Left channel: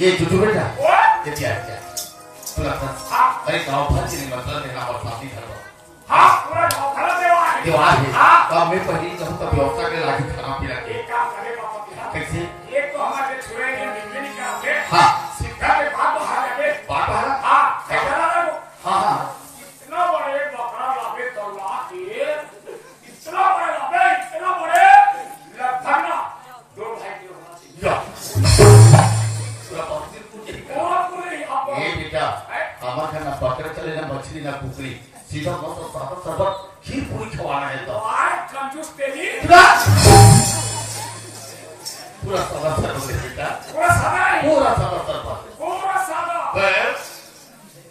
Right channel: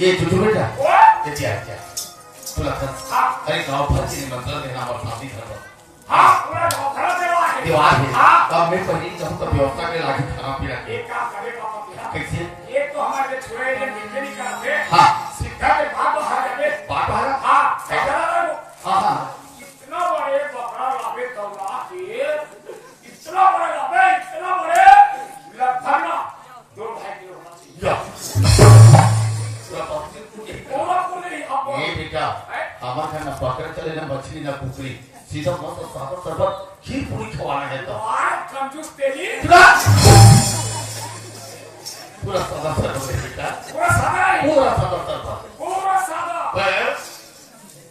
ये जुटू बेटा ये क्या क्या तुला अरे गांव भर से मतलब है ना और शादी धर्म हां पूरा गांव भर से है देवा है गांव में पहली जब तक व्यवस्था के लागी खाना पीना एक काम करे बाबा कैसे एक तो हमारे छोरे के निकलने का है हां सीधा के भाग हमारे बात है हां हां हां इतना बड़े बकरा लागे तो ला के पूरी खवाना है तो कंजूस तेरी पूरा सादा बेटा पूरा सादा पूरा सादा बस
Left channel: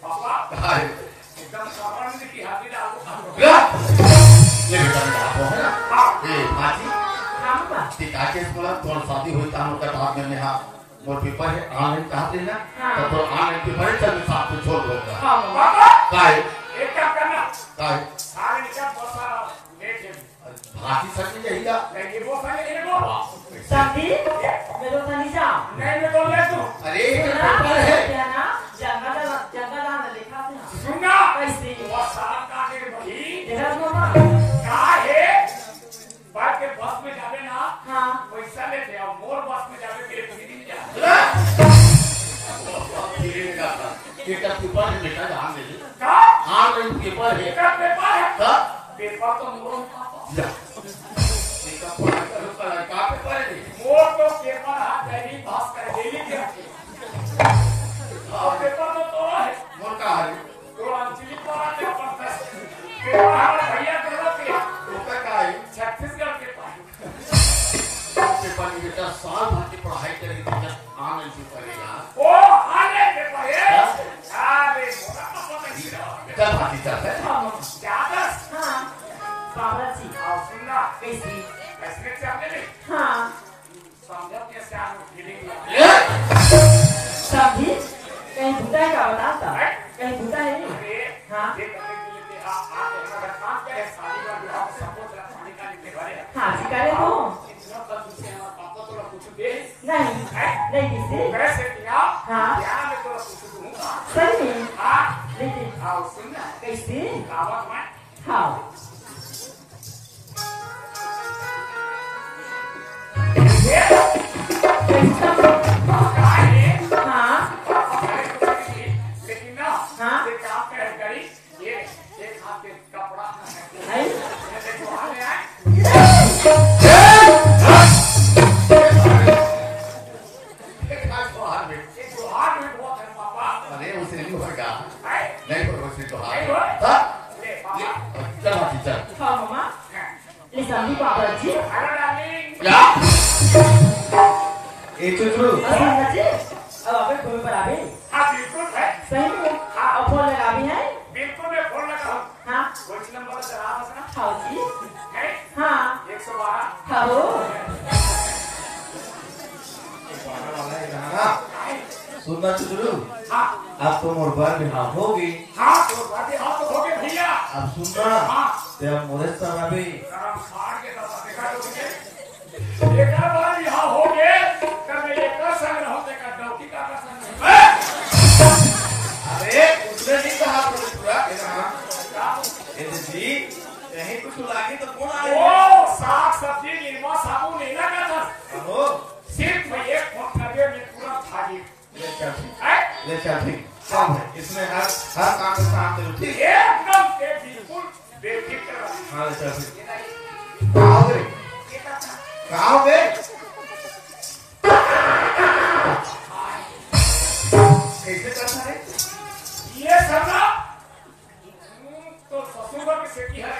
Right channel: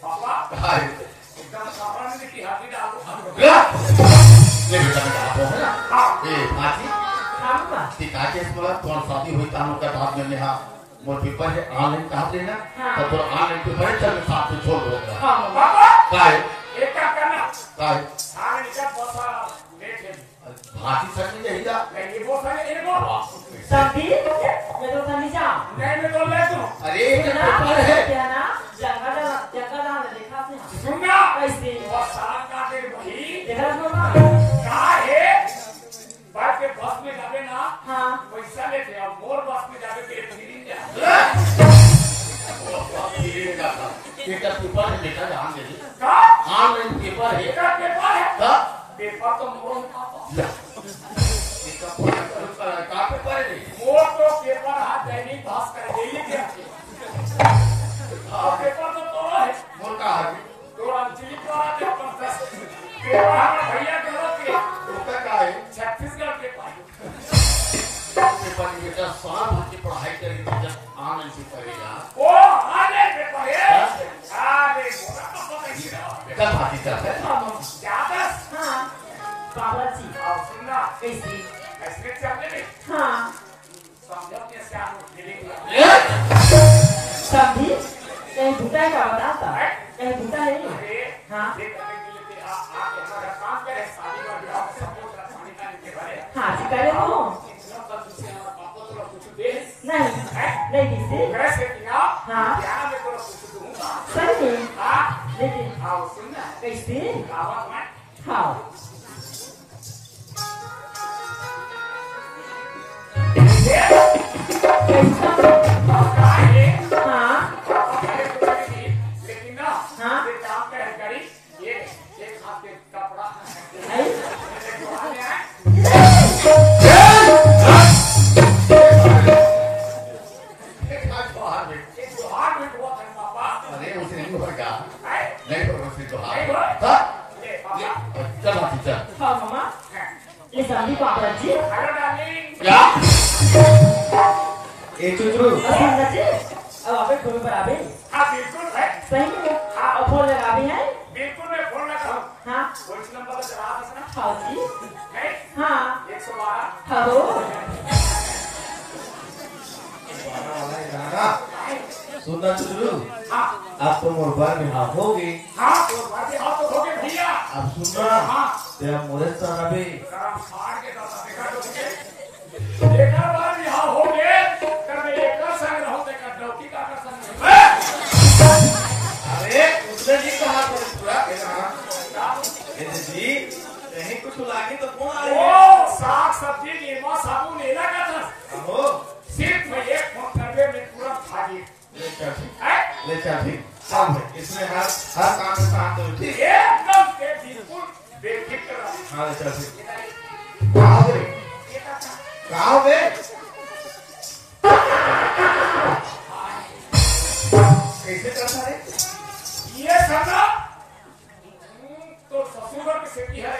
पापा हाय एकदम साधारण की हाथी डालो ये बेटा आप हो ना ये माजी हम का टिका के बोला तो शादी हुई था उनका बात में यहाँ मोर पेपर है ऑनलाइन कहा देना तो ऑनलाइन पेपर है चल साथ तो छोड़ दो हां बाबा काय एक क्या करना काय सारे निकल बसा लेके भाती सकती जाएगा लेकिन वो सारे एक दो संधि मैं तो संधि जा नहीं मैं तो ले तू अरे ये पेपर है क्या ना जंगल ना देखा थे सुनना कैसे वो सारा का के वही देखा तो ना का है बाइक के बस में जावे ना हां पैसा लेते और मोर बस में जावे तेरे फ्री जा बेटा पेपर है बेटा ध्यान दे का ऑनलाइन पेपर है एक पेपर है का पेपर तो मोर पापा या का पेपर है मोर तो पेपर हाथ दैनिक भास्कर डेली के और पेपर तो है मोर का है तो अंजलि पर आते पंकज पेपर हमारा भैया करो के उसका का है छत्तीसगढ़ के पास पेपर में बेटा साल भर की पढ़ाई करेंगे जब ऑनलाइन से करेगा ओ आने पेपर है अरे मोरा तो पता ही नहीं बेटा भाती का है क्या दस हां बाबा जी और सुनना कैसे ऐसे चलने में हां समझ के साथ मिलेगा संधि ये भूता का बताता ये भूता है अरे हां ये करने के लिए आप हमारा काम करे शादी का विवाह सपोज रखने का निकले करे हां जी करे तो नहीं नहीं किसी वैसे किया हाँ क्या मैं तो कुछ दूंगा सही हाँ लेकिन आओ सुनना कैसे दावत में हाँ हाँ लेकिन ना हाँ ये काम करी ये हाथ पे कपड़ा अरे उसे नहीं होगा नहीं होगा उसे तो चल भाती चल हाँ मामा ले संधि पापा जी हेलो डार्लिंग क्या ए चुचरू अच्छा जी अब आप फोन पर आवे हाँ बिल्कुल है सही में आप फोन लगा भी है बिल्कुल मैं फोन लगा हाँ कुछ नंबर चला सकना हाँ जी है हाँ 112 हेलो सुनना चुचरू हाँ आप तो मोर बार में हाँ होगी हाँ तो बातें हाँ तो होगे भैया आप सुन रहा हाँ तेरा मोरे सारा भी गरम साड़ के दादा देखा तो होगे देखा बार यहाँ हो गए कर मैं एक संग रहो देखा डॉक्टी का संग अरे उसने नहीं कहा पूरा जी कहीं कुछ लागे तो कौन ओ साग सब्जी नीरमा साबुन लेना का था आहो सिर्फ मैं एक फोन करके मैं तुरंत भागी ले चल है ले चल ठीक सब है इसमें हर काम में काम दे ठीक एकदम से बिल्कुल बेफिक्र हाँ ले चल ठीक कहाँ बे कहाँ बे कैसे करना है ये करना तो ससुर की सेठी है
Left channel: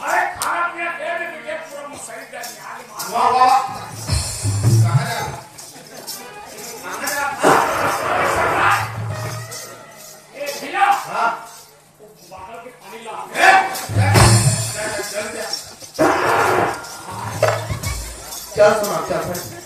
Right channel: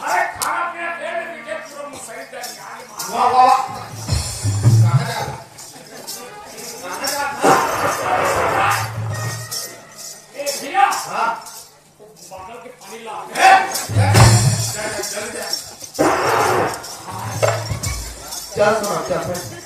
अरे खाना पीना दे में तुझे पूरा मुसैद जाएगी आगे वाह वाह कहाँ जा ए भैया हाँ बॉटल के पानी ला चल सुना चल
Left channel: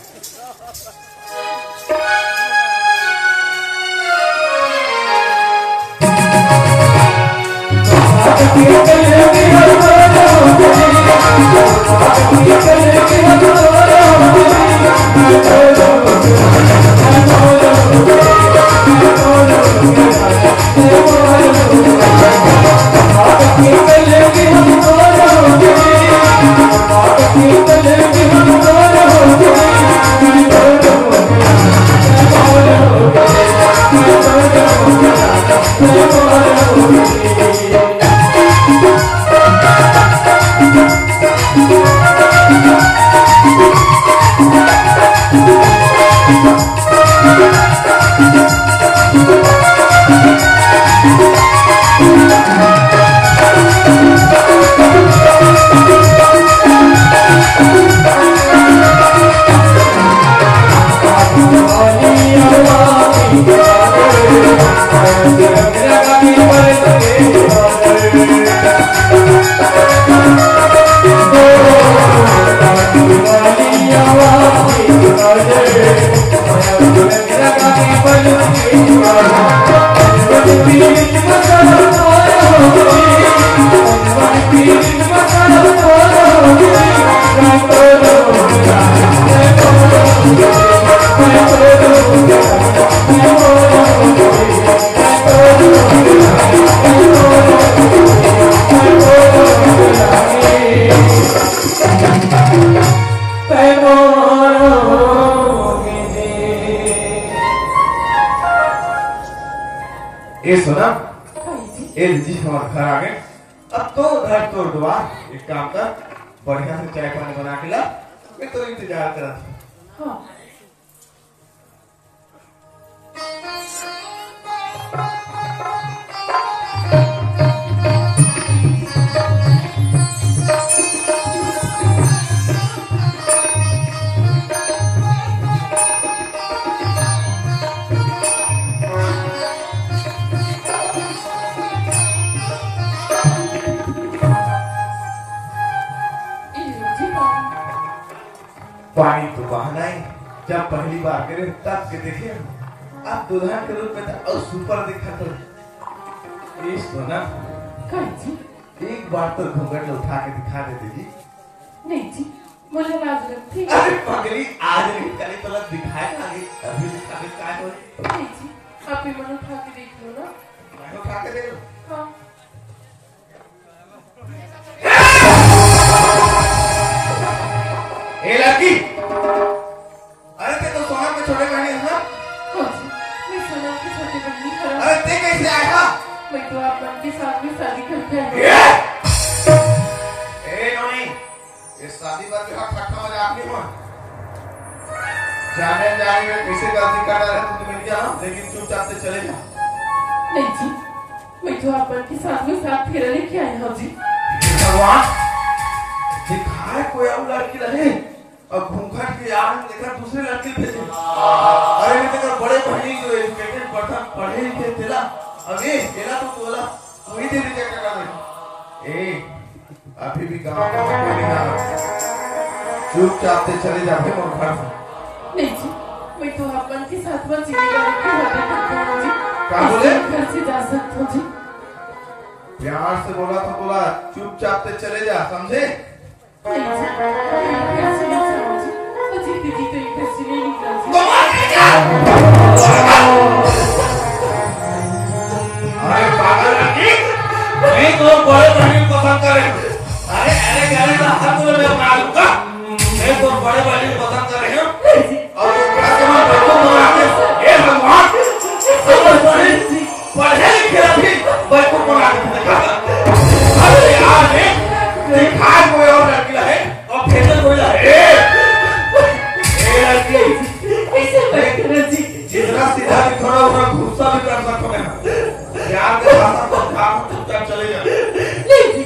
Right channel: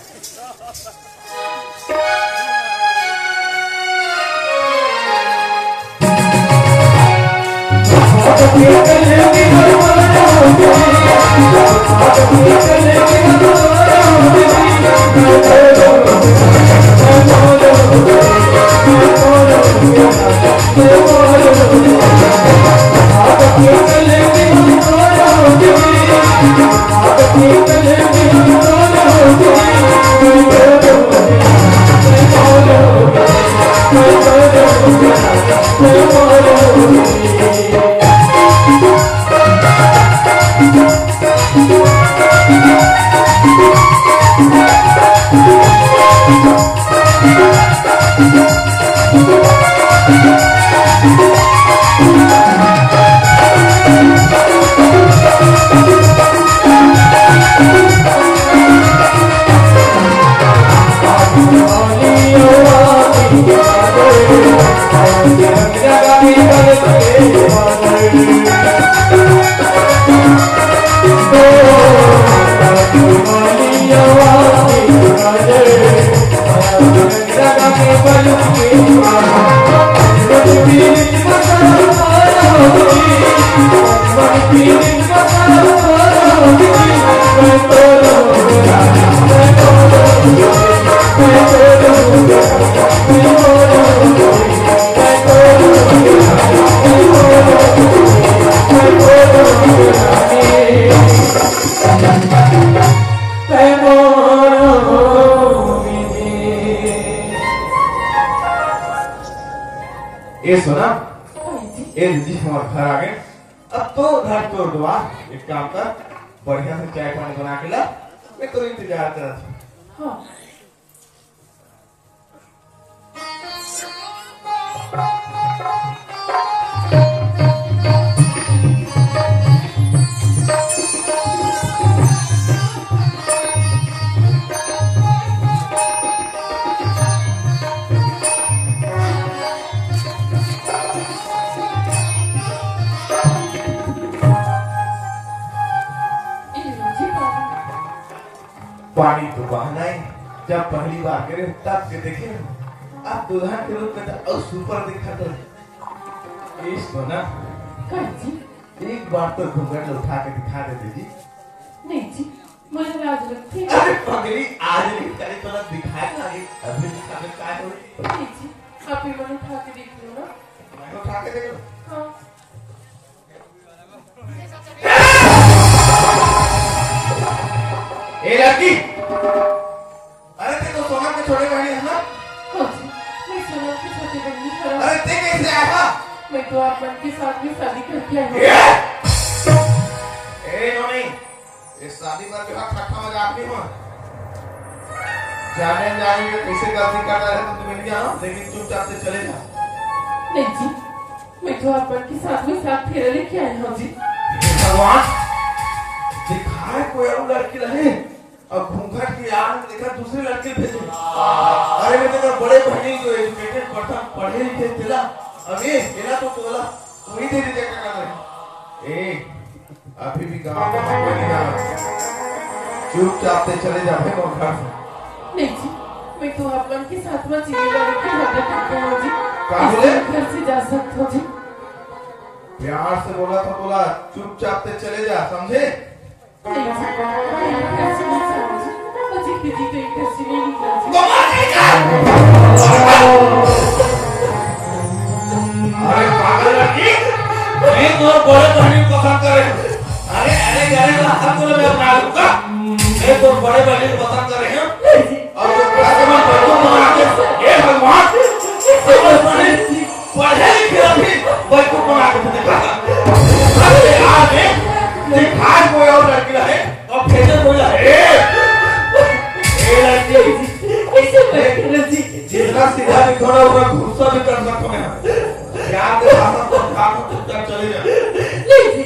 Thank you. ये सुना जी ये जी हमारे घर आ गए। अब तो घर तोड़ दुआ। एक काम कर, बढ़िया से चाय पानी बना के ला, मैं तो इंतजार कर रहा था। हाँ पानी तो बहाना है, जब पहली बार करे तब के देखे आप दुल्हन के रूप में और सुपर दिखा कर सोना जी एक बार तो घूंघट उठा के दिखा देते जी। नहीं जी मुझे लाज लगती है। अरे पगली आज नहीं करे तो दिखाया अभी दिखा दे क्या हो। नहीं जी आप ही मन उठा के देख लो ना। मैं उठा के दे हाँ ए लड़की, अरे ते तो सोना के छोटे बहन है ना? हाँ जी मैं सोना की छोटी बहन हूँ। अरे ते कैसे आया? मैं तो आप के साथ में शादी करके आई हूँ। ए नोनी, ये शादी बात का खट्टा मजाक नहीं हो। जाने में कैसे गलती कर रहा है तो तुम्हें क्या ना, लेकिन चुपचाप से चले जा। नहीं जी मैं तो आप के साथ में साथ फेरा लेके आई हूँ जी। भगवान, दिखाए कोई और लड़की रहे और घूंघट की आड़ में देखा दूसरी लड़की भेजी। अरे मैं तो बड़े बहनी जो एजुकेटेड पर्सन पढ़े लिखे तेरा अरे मेरा तो बोला कोई दे दीजिए क्या कर रहे। ए अभी भी गाँव का कोई नहीं आ रहा, चुपचाप से चले जाते हैं और घर से। नहीं जी मैं तो आप के साथ में जीने वाले की हरकत करता हूँ जी। क्या बोले? घर से जा सकते हो जी। प्यार से बोला तो बोला, चुपचाप से चले जा, समझे? नहीं जी कैसे नहीं समझी मुझे दीदी तो एक कैसे नहीं निकला जी। अरे पागल लड़की, मैं तो बड़े बहनी को पसंद करे। अरे अरे गरीब रास्ता तो मैं मालूम का, मैं तो बड़े बहनी को पसंद करे हूँ। और ये प्लास्टिक बच्चों को आगे ये भगवान पढ़े लिखे अभी बच्चों को आगे दिखा। अरे यार दिखाए कोई और लड़की है और फेंके कोई है। लड़की ऐसे बैठे जी जितना सीधा भी थोड़ा हुआ गुस्सा भी कर सकते हैं। यार के भाषा को काम चुपचाप चले जाए। नहीं जी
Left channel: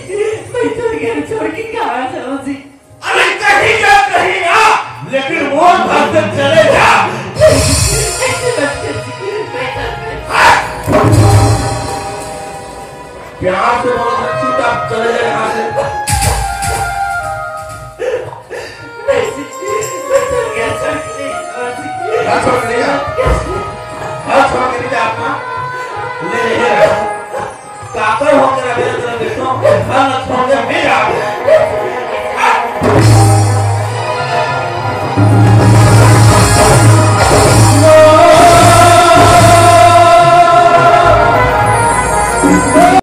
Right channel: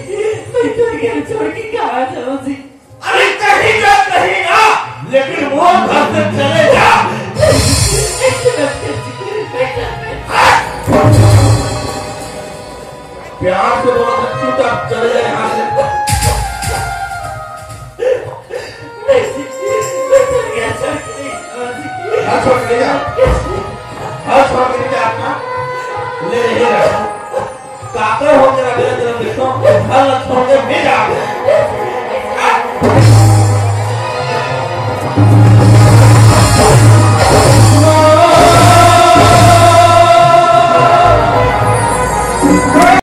मैं तो घर छोड़ के कहाँ जाऊँ जी। अरे कहीं जा नहीं आ, लेकिन वो घर से चले जा। ऐसे लगते जी प्यार से बोलो चुपचाप चले जाए।